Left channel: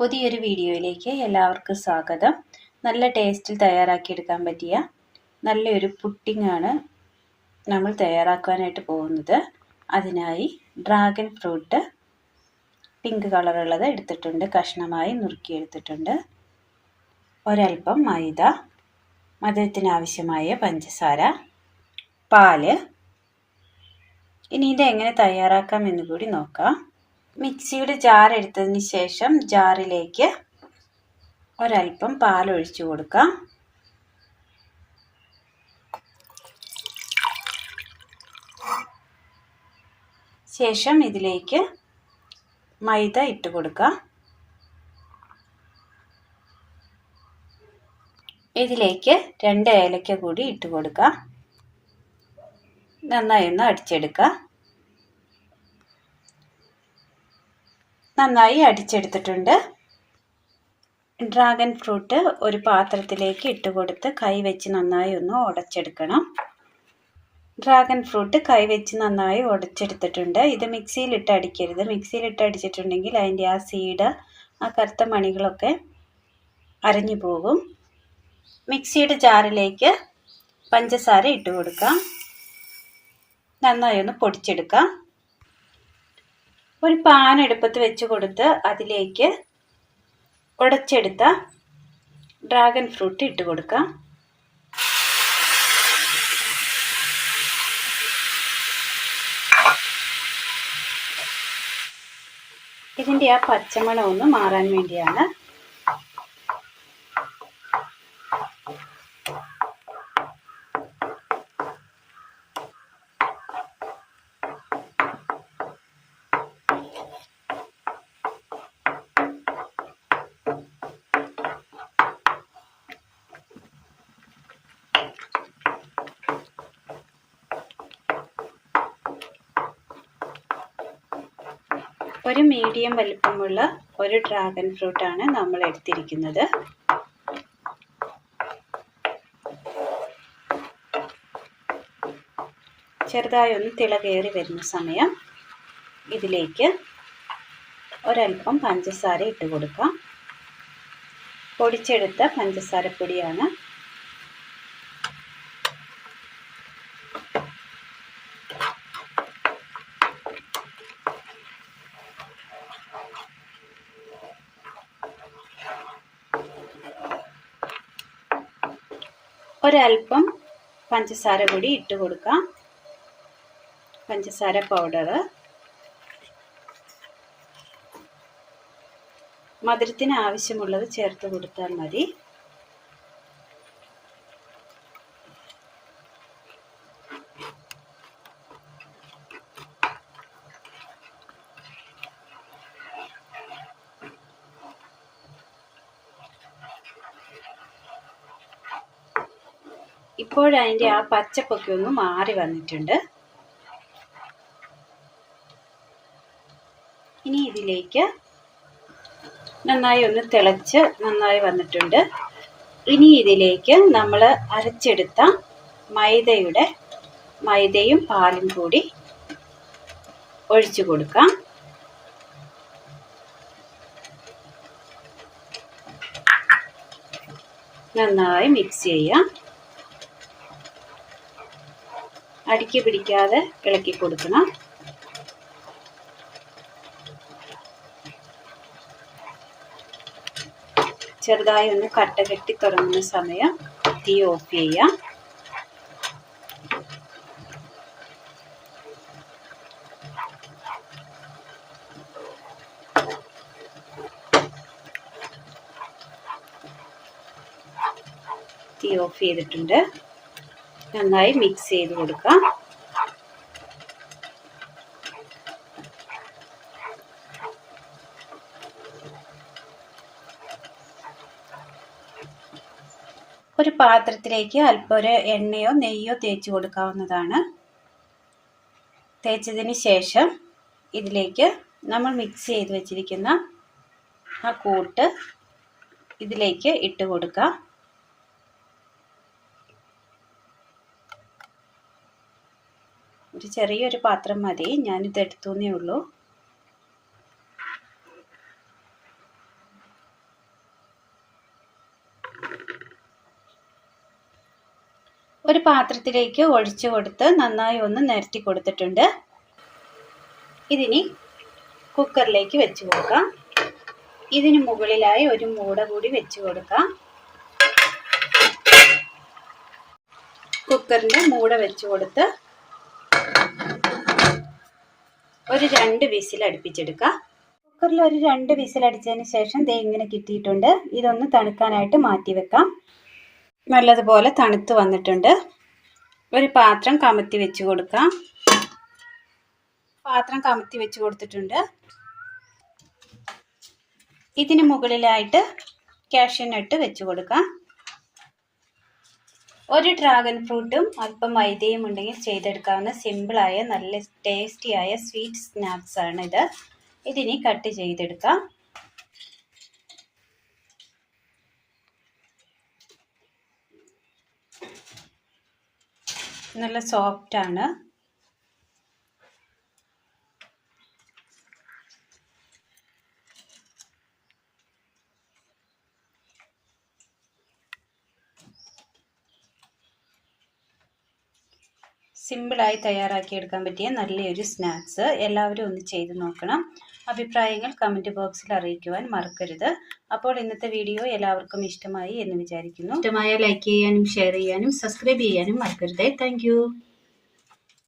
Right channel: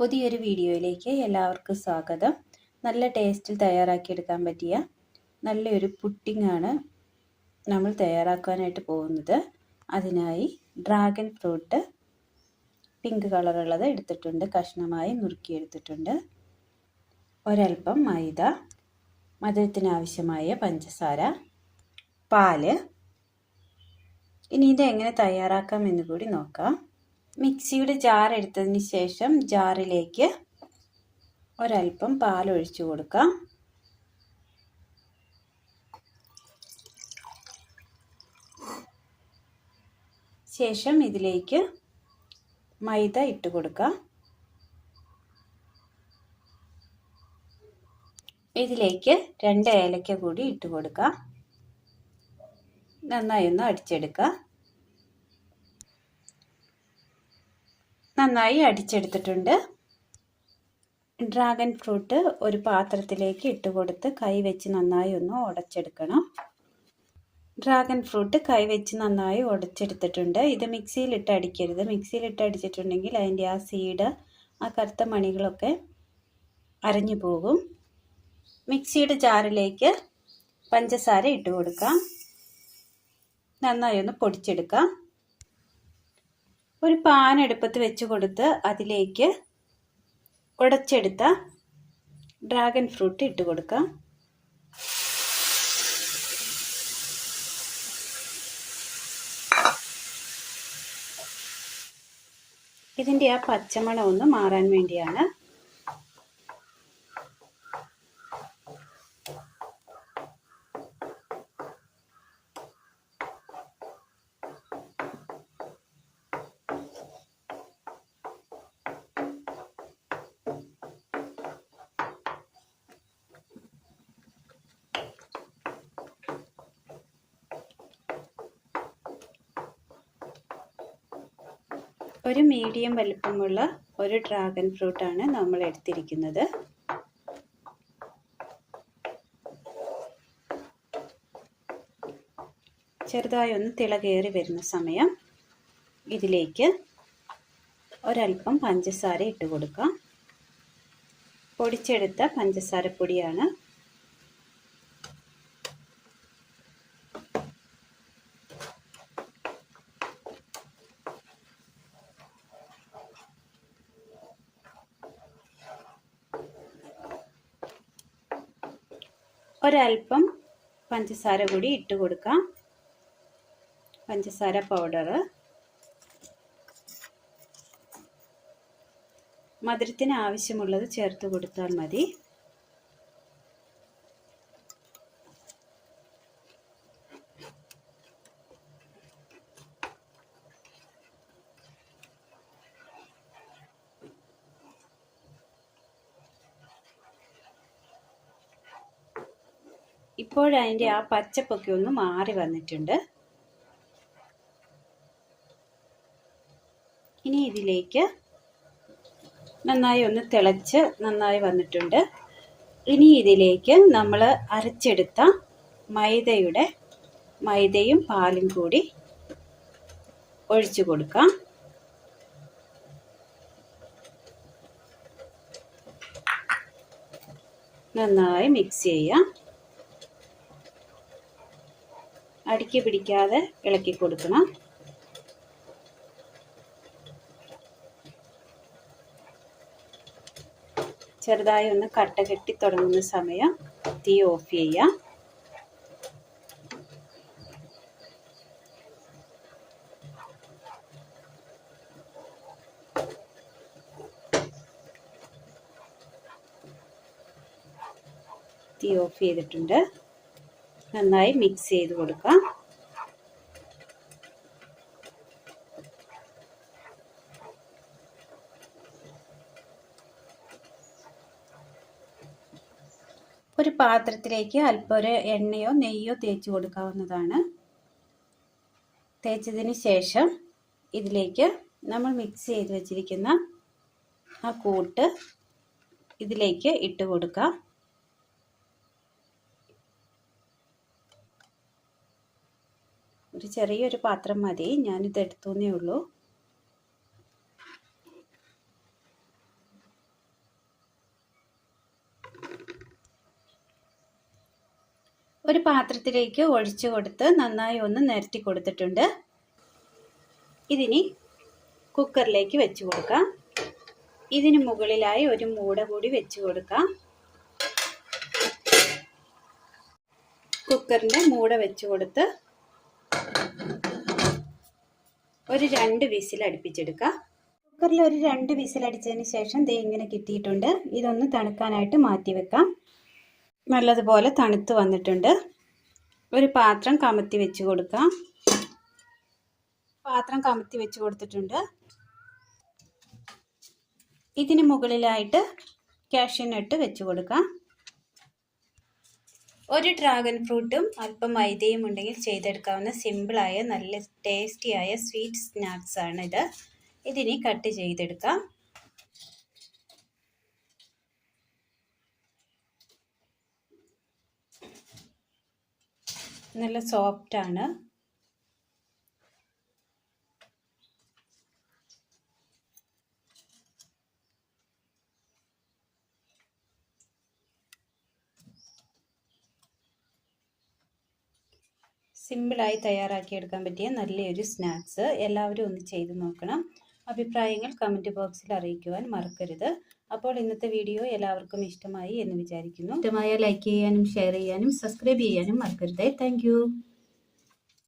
പുതിയൊരു വീഡിയോയിലേക്ക് എല്ലാവർക്കും സ്വാഗതം. നല്ല ടേസ്റ്റിൽ തയ്യാറാക്കിയെടുക്കാൻ പറ്റിയ നല്ലൊരു പുട്ടിങ്ങാണ് നമ്മൾ തയ്യാറാക്കാനായിട്ട് പോകുന്നത്. അതിനായി ഡ്രാഗൺ ഫ്രൂട്ട് പിങ്ക് കളറുള്ളത് എടുത്തിട്ടുണ്ട്. കഷ്ണമായി നുറുക്കിയെടുത്തിട്ടുണ്ട് ഒരൽപ്പം മൈദ മധുരത്തിനാവശ്യമായ പഞ്ചസാര പാൽ. ഇനി ഇത് എങ്ങനെ തയ്യാറാക്കാം എന്ന് കൂടി നോക്കാം. മിക്സിയുടെ ജാർ എടുത്തതിന് ശേഷം ജാറിലേക്ക് ഒരൽപ്പം പാൽ ഒഴിച്ചു കൊടുക്കാം. ശേഷം ഇതിലേക്ക് മൈദ ഇട്ട് കൊടുക്കാം. ഇതിലേക്ക് രണ്ട് ഏലക്ക കൂടി ഇട്ട് കൊടുക്കാം. നന്നായി ഒന്ന് അടിച്ചെടുക്കുക നന്നായി അടിച്ചെടുത്തിട്ടുണ്ട്. ഡ്രാഗൺ ഫ്രൂട്ട് ഒരു പാത്രത്തിലേക്ക് ഇട്ട് കൊടുത്ത് കൈ വെച്ച് നന്നായി ഒന്ന് ഉടച്ചെടുക്കണം. ഡ്രാഗൺ ഫ്രൂട്ട് കൈ വെച്ച് നന്നായി ഉടച്ചെടുത്തിട്ടുണ്ട്. ഇത് മിക്സിയിലിട്ട് അടിക്കരുത്. മിക്സിയിലിട്ട് അടിച്ചിട്ടുണ്ടെങ്കിൽ അതിന്റെ ആ സീഡ് ആ കറുത്ത മണികളൊക്കെ അരഞ്ഞു പോകും. മിക്സിയുടെ ജാറിലേക്ക് പഞ്ചസാര ഇട്ട് കൊടുക്കാം. നന്നായി ഒന്ന് പൊടിച്ചെടുക്കാം. ഒരു പാൻ എടുപ്പത്ത് വെച്ച് കൊടുത്ത് അതിലേക്ക് ഉടച്ചെടുത്ത ഡ്രാഗൺ ഫ്രൂട്ട് ഇട്ട് കൊടുക്കാം. ഇതിന്റെ ആ പച്ചമണം ഒന്ന് മാറാൻ വേണ്ടിയാണ് ഒരു മീഡിയം വലിപ്പമുള്ള ഒരു ഡ്രാഗൺ ഫ്രൂട്ടാണ് നമ്മൾ എടുത്തിരിക്കുന്നത്. ചെറുതായി ഒന്ന് തിളകേറി വരുന്ന സമയം ഇതിലേക്ക് ഒരൽപ്പം പഞ്ചസാര ഇട്ട് കൊടുക്കാം. പൊടിച്ചെടുത്ത പഞ്ചസാര ഒരൽപ്പം പഞ്ചസാര പൊടി ഇട്ട് കൊടുക്കാം. പഞ്ചസാര പൗഡർ മധുരത്തിന് ആവശ്യമുള്ളത് ചേർത്ത് കൊടുത്താൽ മതി. ഇപ്പോഴതിന്റെ ആ. പച്ചപ്പൊക്കെ ഒന്ന് മാറി വന്നിട്ടുണ്ട്. ഇനി ഇതിലേക്ക് നന്നായി ഒന്ന് തിളച്ച് നന്നായി വന്നിട്ടുണ്ട്. ഇനി ഇതിലേക്ക് നമ്മൾ അരച്ചെടുത്ത മൈദയുടെ മൈദയും പാലും കൂടി ഒഴിച്ചു കൊടുക്കാം. നന്നായി മിക്സ് ചെയ്യാം. അടുക്കി പിടിക്കാതെ ഇളക്കി കൊടുക്കണം. ചെറുതായി ഒന്ന് കട്ട കെട്ടി തുടങ്ങുന്ന സമയം തീ ഓഫ് ചെയ്യാം തീ ഓഫ് ചെയ്തിട്ടുണ്ട്. നന്നായി മിക്സ് ചെയ്ത് കൊടുക്കാം. ഒരു പാത്രത്തിലേക്ക് അല്പം ഒരു എണ്ണയോ നെയ്യോ തേച്ച് കൊടുക്കാവുന്നതാണ്. തേച്ചതിന് ശേഷം ഇതിലേക്ക് നമ്മൾ മിക്സ് ചെയ്ത് വെച്ചിരിക്കുന്ന ആ കൂട്ട് ഇതിലേക്ക് ഇട്ട് കൊടുക്കാം. ചെറിയൊരു പാത്രം മതി. ഞാനിത് എടുത്തുന്നേ ഉള്ളൂ. ഒരു പാത്രത്തിലേക്ക് ഒഴിച്ചു കൊടുത്ത് നന്നായി ഒന്ന് നിരത്തി കൊടുത്തിട്ടുണ്ട്. ഇതിനി കുക്കറിലേക്ക് വെച്ച് കൊടുക്കാം. ഇതിന് മുകളിലായി ഒരു മൂട കൂടി വെച്ച് കൊടുക്കാം. കുക്കറിന്റെ മൂട വെച്ചു കൊടുത്ത് ഒരു രണ്ട് വിസിൽ അടുപ്പിച്ചെടുക്കുക. കുക്കറിൽ ഒരു രണ്ട് വിസിൽ അടിച്ചതിന് ശേഷം ദേ ഇങ്ങനെ കിട്ടിയിട്ടുണ്ട്. ഇതൊന്ന് തണുക്കാനായിട്ട് മാറ്റി വെക്കാം. നല്ലതുപോലെ തണുത്ത് വന്നിട്ടുണ്ട്. ഒരു പാത്രം കമത്തി വെച്ച് കൊടുക്കാം. പാത്രം കമത്തി വെച്ച് കൊടുത്തിട്ടുണ്ട്. ഇതിന് മുകളിലായിട്ട് കാഷ്യനട്ട് വെച്ച് കൊടുക്കാം. ഒരു ഡ്രാഗൺ ഫ്രൂട്ടും അല്പം മൈദയും ഉണ്ടെങ്കിൽ ചെയ്തെടുക്കാവുന്ന സിമ്പിളായ നല്ല ടേസ്റ്റിയായ സ്വീറ്റ് സ്നാക്സ് ആണ് ഇത്. ഇതിനി കട്ട് ചെയ്തെടുക്കാം. നല്ല സോഫ്റ്റ് സിമ്പിളായി തയ്യാറാക്കിയെടുക്കാൻ പറ്റിയ നല്ലൊരു സ്നാക്സ്. എല്ലാവരും ഒന്ന് ചെയ്ത് നോക്കണം. അഭിപ്രായങ്ങൾ കമന്റ് ബോക്സിൽ അറിയിക്കുവാൻ മറക്കരുത്. അപ്പോൾ ഇന്നത്തെ വീഡിയോ എല്ലാവർക്കും ഇഷ്ടമായി എന്ന് വിചാരിക്കുന്നു. ഇഷ്ടമായ ലൈക്ക് ചെയ്യാനും ഷെയർ ചെയ്യാനും സബ്സ്ക്രൈബ് ചെയ്യാനും മറക്കരുതേ. താങ്ക്